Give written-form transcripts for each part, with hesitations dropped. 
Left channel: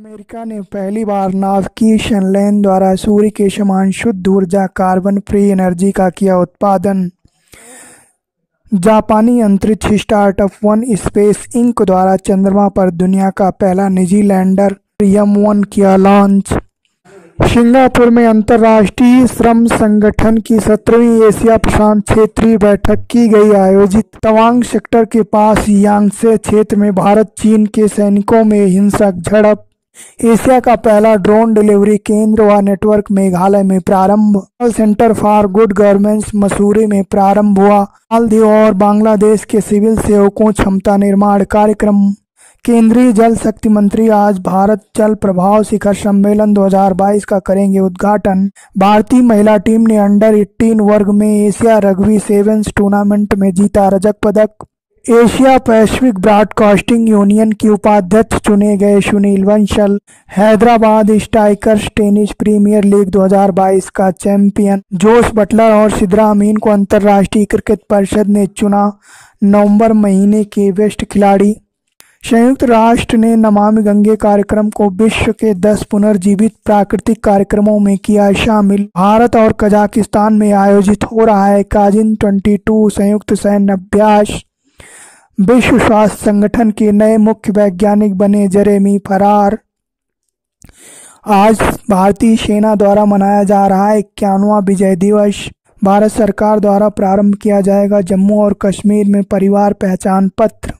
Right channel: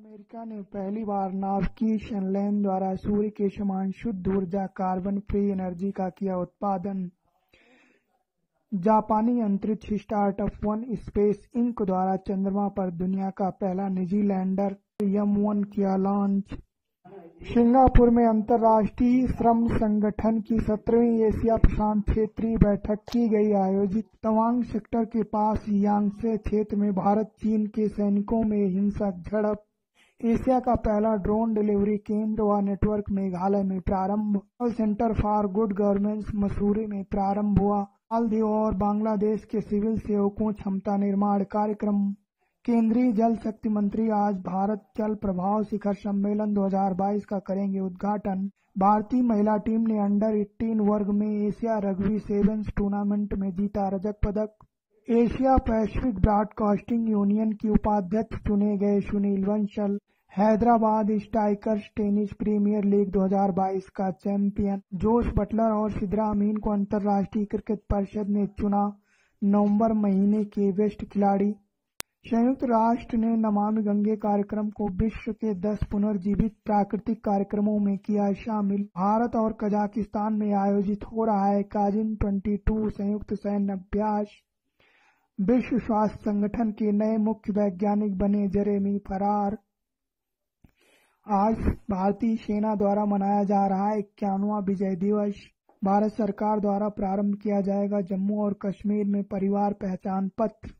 America ने पहली बार नाविकीय लेन द्वारा सूर्य के समान शुद्ध ऊर्जा कार्बन फ्री एनर्जी का किया उत्पादन। जापानी अंतरिक्ष स्टार्टअप वन स्पेस इंक द्वारा चंद्रमा पर दुनिया का पहला निजी लैंडर M1 किया लॉन्च। सिंगापुर में अंतर्राष्ट्रीय श्रम संगठन की 17वीं एशिया प्रशांत क्षेत्रीय बैठक की गई आयोजित। तवांग सेक्टर के पास यांगसे क्षेत्र में भारत चीन के सैनिकों में हिंसक झड़प। एशिया का पहला ड्रोन डिलीवरी केंद्र व नेटवर्क मेघालय में प्रारंभ। Centre for good governance Mussoorie में प्रारंभ हुआ। मालदीव और बांग्लादेश के सिविल सेवकों क्षमता निर्माण कार्यक्रम। केंद्रीय जल शक्ति मंत्री आज भारत जल प्रभाव शिखर सम्मेलन 2022 का करेंगे उद्घाटन। भारतीय महिला टीम ने अंडर-18 वर्ग में एशिया रग्बी सेवेंस टूर्नामेंट में जीता रजत पदक। एशिया पैसिफिक ब्रॉडकास्टिंग यूनियन के उपाध्यक्ष चुने गए Sunil Bansal. Hyderabad strikers tennis premiere league 2022 का चैंपियन जोस बटलर और सिद्रा अमीन को अंतर्राष्ट्रीय क्रिकेट परिषद ने चुना नवंबर महीने के बेस्ट खिलाड़ी। संयुक्त राष्ट्र ने नमामि गंगे कार्यक्रम को विश्व के 10 पुनर्जीवित प्राकृतिक कार्यक्रमों में किया शामिल। भारत और कजाकिस्तान में आयोजित हो रहा है काजिन 22 संयुक्त सैन्य अभ्यास। विश्व स्वास्थ्य संगठन के नए मुख्य वैज्ञानिक बने जेरेमी फरार। आज भारतीय सेना द्वारा मनाया जा रहा है 91वां विजय दिवस। भारत सरकार द्वारा प्रारंभ किया जाएगा जम्मू और कश्मीर में परिवार पहचान पत्र।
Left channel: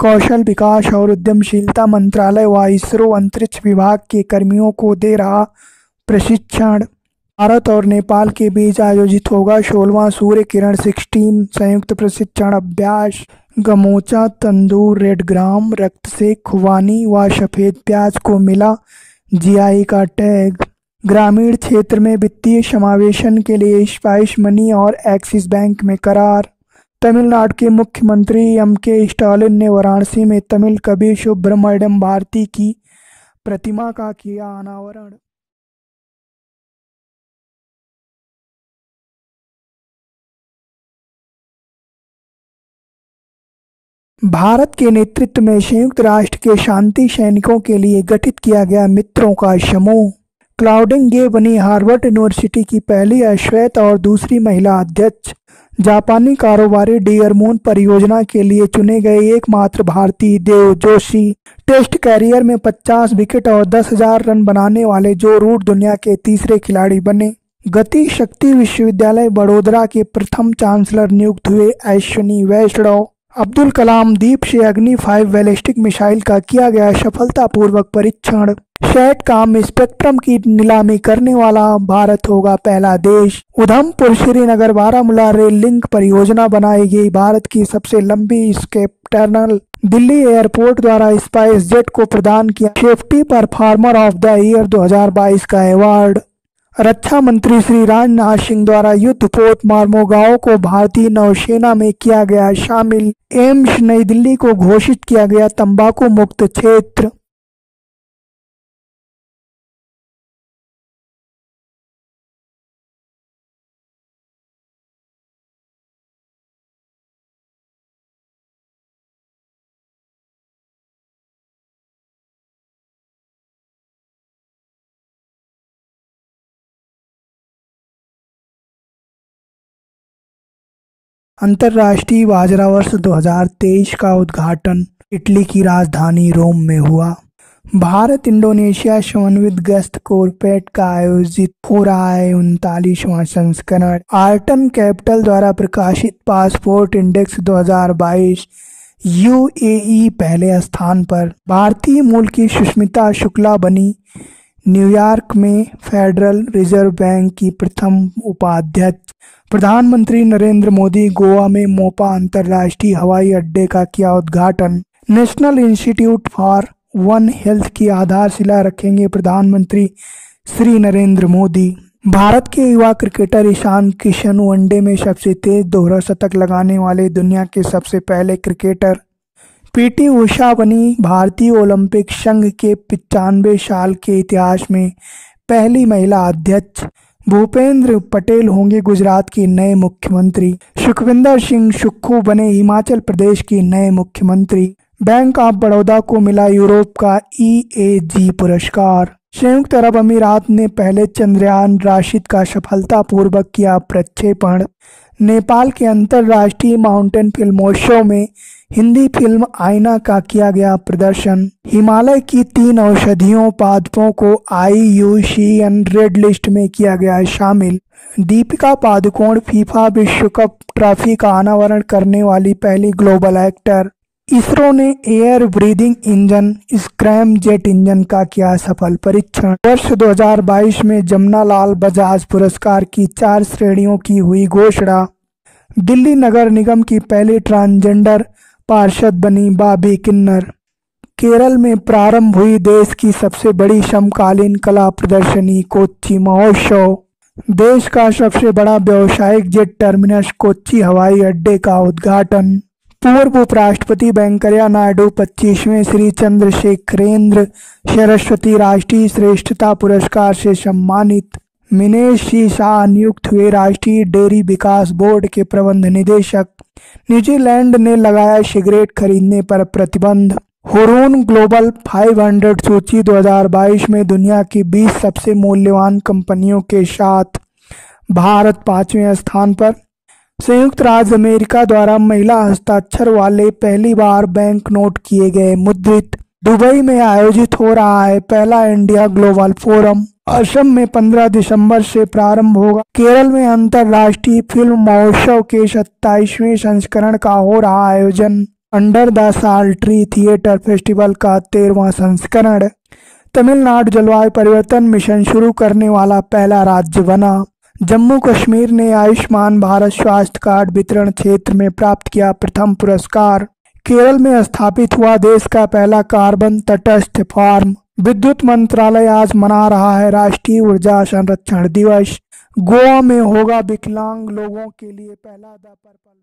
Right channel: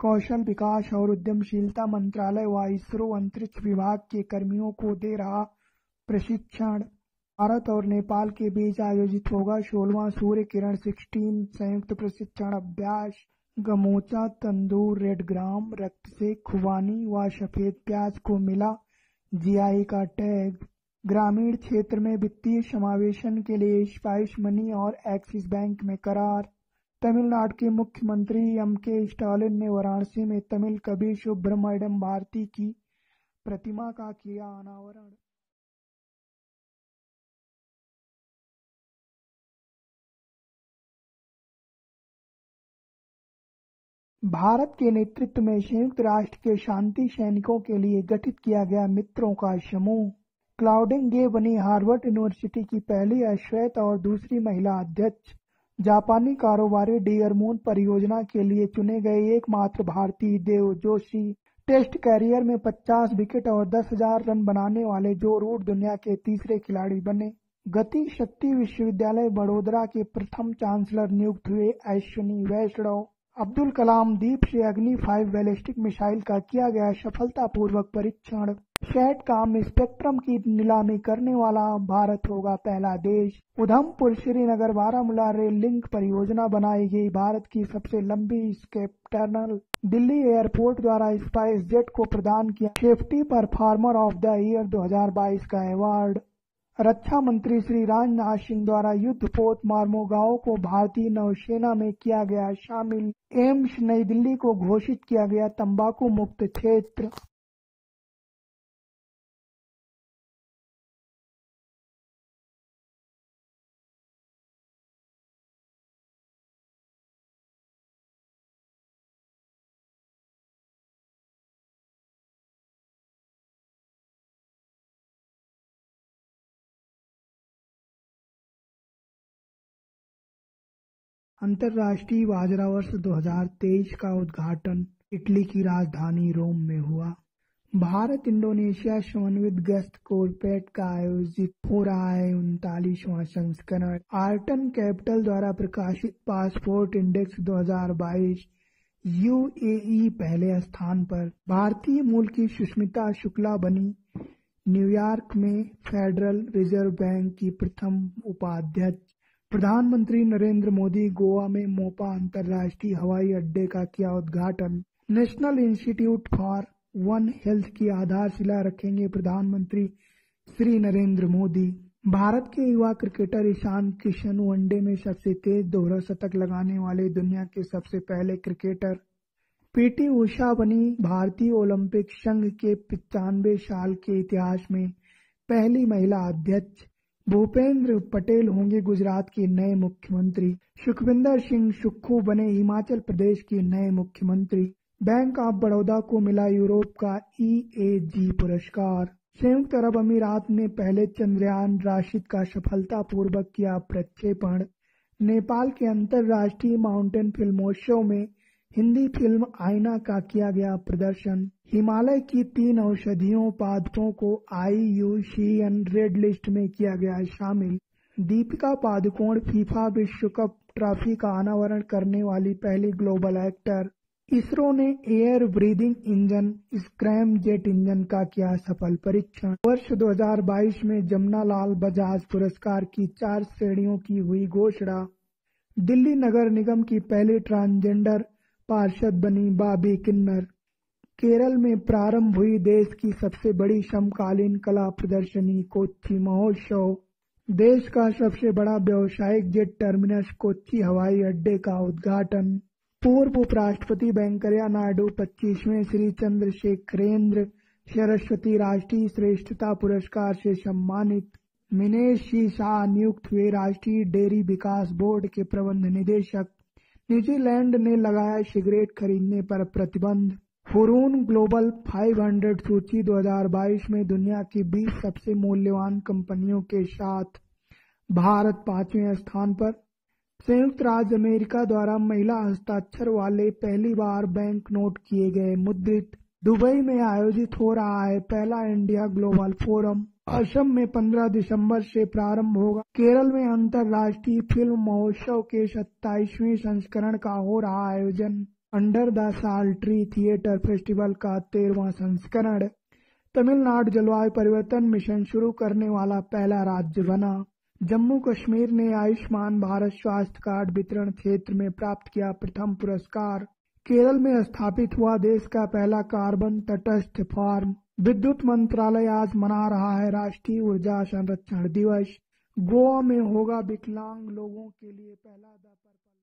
कौशल विकास और उद्यमशीलता मंत्रालय व इसरो अंतरिक्ष विभाग के कर्मियों को दे रहा प्रशिक्षण। भारत और नेपाल के बीच आयोजित होगा 16वां सूर्य किरण 16 संयुक्त प्रशिक्षण अभ्यास। गमोचा, तंदूर, रेड ग्राम, रक्त से खुबानी व सफ़ेद प्याज को मिला GI का टैग। ग्रामीण क्षेत्र में वित्तीय समावेशन के लिए स्पाइस मनी और एक्सिस बैंक में करार। तमिलनाडु के मुख्यमंत्री M.K. स्टालिन ने वाराणसी में तमिल कवि सुब्रमण्यम भारती की प्रतिमा का किया अनावरण। भारत के नेतृत्व में संयुक्त राष्ट्र के शांति सैनिकों के लिए गठित किया गया मित्रों का समूह। क्लाउडिन गे बनी हार्वर्ड यूनिवर्सिटी की पहली अश्वेत और दूसरी महिला अध्यक्ष। जापानी कारोबारी डियर मून परियोजना के लिए चुने गए एकमात्र भारतीय देव जोशी। टेस्ट कैरियर में 50 विकेट और 10,000 रन बनाने वाले जो रूट दुनिया के तीसरे खिलाड़ी बने। गति शक्ति विश्वविद्यालय बड़ोदरा के प्रथम चांसलर नियुक्त हुए अश्विनी वैष्णव। अब्दुल कलाम द्वीप से अग्नि 5 बैलिस्टिक मिसाइल का किया गया सफलतापूर्वक परीक्षण। सैटकॉम स्पेक्ट्रम की नीलामी करने वाला भारत होगा पहला देश। उधमपुर श्रीनगर बारामूला रेल लिंक परियोजना बनाएगी भारत की सबसे लंबी स्केप टनल। दिल्ली एयरपोर्ट द्वारा स्पाइस जेट को प्रदान किया safety performer of the year 2022 का अवार्ड। रक्षा मंत्री श्री राजनाथ सिंह द्वारा युद्धपोत मार्मोगांव को भारतीय नौसेना में किया गया शामिल। एम्स नई दिल्ली को घोषित किया गया तंबाकू मुक्त क्षेत्र। अंतर्राष्ट्रीय बाजरा वर्ष 2023 का उद्घाटन इटली की राजधानी रोम में हुआ। भारत इंडोनेशिया समन्वित गश्त कॉर्पोरेट का आयोजित हो रहा है 39वां संस्करण। आर्टन कैपिटल द्वारा प्रकाशित पासपोर्ट इंडेक्स 2022 UAE पहले स्थान पर। भारतीय मूल की सुष्मिता शुक्ला बनी न्यूयॉर्क में फेडरल रिजर्व बैंक की प्रथम उपाध्यक्ष। प्रधानमंत्री नरेंद्र मोदी गोवा में मोपा अंतर्राष्ट्रीय हवाई अड्डे का किया उद्घाटन। National institute for one health की आधारशिला रखेंगे प्रधानमंत्री श्री नरेंद्र मोदी। भारत के युवा क्रिकेटर ईशान किशन वनडे में सबसे तेज दोहरा शतक लगाने वाले दुनिया के सबसे पहले क्रिकेटर। PT उषा बनी भारतीय ओलंपिक संघ के 95 साल के इतिहास में पहली महिला अध्यक्ष। भूपेंद्र पटेल होंगे गुजरात के नए मुख्यमंत्री। सुखविंदर सिंह सुक्खू बने हिमाचल प्रदेश के नए मुख्यमंत्री। बैंक ऑफ बड़ौदा को मिला यूरोप का EAG पुरस्कार। संयुक्त अरब अमीरात ने पहले चंद्रयान राशिद का सफलतापूर्वक किया प्रक्षेपण। नेपाल के अंतर्राष्ट्रीय माउंटेन फिल्मोत्सव में हिंदी फिल्म आईना का किया प्रदर्शन। हिमालय की 3 औषधीयों पादपों को IUCN रेड लिस्ट में किया गया शामिल। दीपिका पादुकोण फीफा विश्व कप ट्रॉफी का अनावरण करने वाली पहली ग्लोबल एक्टर। इसरो ने air breathing engine scrum jet engine का किया सफल परीक्षण। वर्ष 2022 में जमनालाल बजाज पुरस्कार की 4 श्रेणियों की हुई घोषणा। दिल्ली नगर निगम की पहली ट्रांसजेंडर पार्षद बनी बॉबी किन्नर। केरल में प्रारंभ हुई देश की सबसे बड़ी समकालीन कला प्रदर्शनी कोच्चि महोत्सव। देश का सबसे बड़ा व्यावसायिक जेट टर्मिनस कोच्चि हवाई अड्डे का उद्घाटन। पूर्व उपराष्ट्रपति वेंकैया नायडू 25वें श्री चंद्रशेखरेंद्र सरस्वती राष्ट्रीय श्रेष्ठता पुरस्कार से सम्मानित। मिनेश सी शाह नियुक्त हुए राष्ट्रीय डेयरी विकास बोर्ड के प्रबंध निदेशक। न्यूजीलैंड ने लगाया सिगरेट खरीदने पर प्रतिबंध। हुरून ग्लोबल 500 सूची 2022 में दुनिया की 20 सबसे मूल्यवान कंपनियों के साथ भारत 5वें स्थान पर। संयुक्त राज्य अमेरिका द्वारा महिला हस्ताक्षर वाले पहली बार बैंक नोट किए गए मुद्रित। दुबई में आयोजित हो रहा है पहला इंडिया ग्लोबल फोरम। असम में 15 दिसंबर से प्रारंभ होगा। केरल में अंतर्राष्ट्रीय फिल्म महोत्सव के 27वें संस्करण का हो रहा आयोजन। अंडर द साल ट्री थिएटर फेस्टिवल का 13वां संस्करण। तमिलनाडु जलवायु परिवर्तन मिशन शुरू करने वाला पहला राज्य बना। जम्मू कश्मीर ने आयुष्मान भारत स्वास्थ्य कार्ड वितरण क्षेत्र में प्राप्त किया प्रथम पुरस्कार। केरल में स्थापित हुआ देश का पहला कार्बन तटस्थ फार्म। विद्युत मंत्रालय आज मना रहा है राष्ट्रीय ऊर्जा संरक्षण दिवस। गोवा में होगा विकलांग लोगों के लिए पहला द पर्पल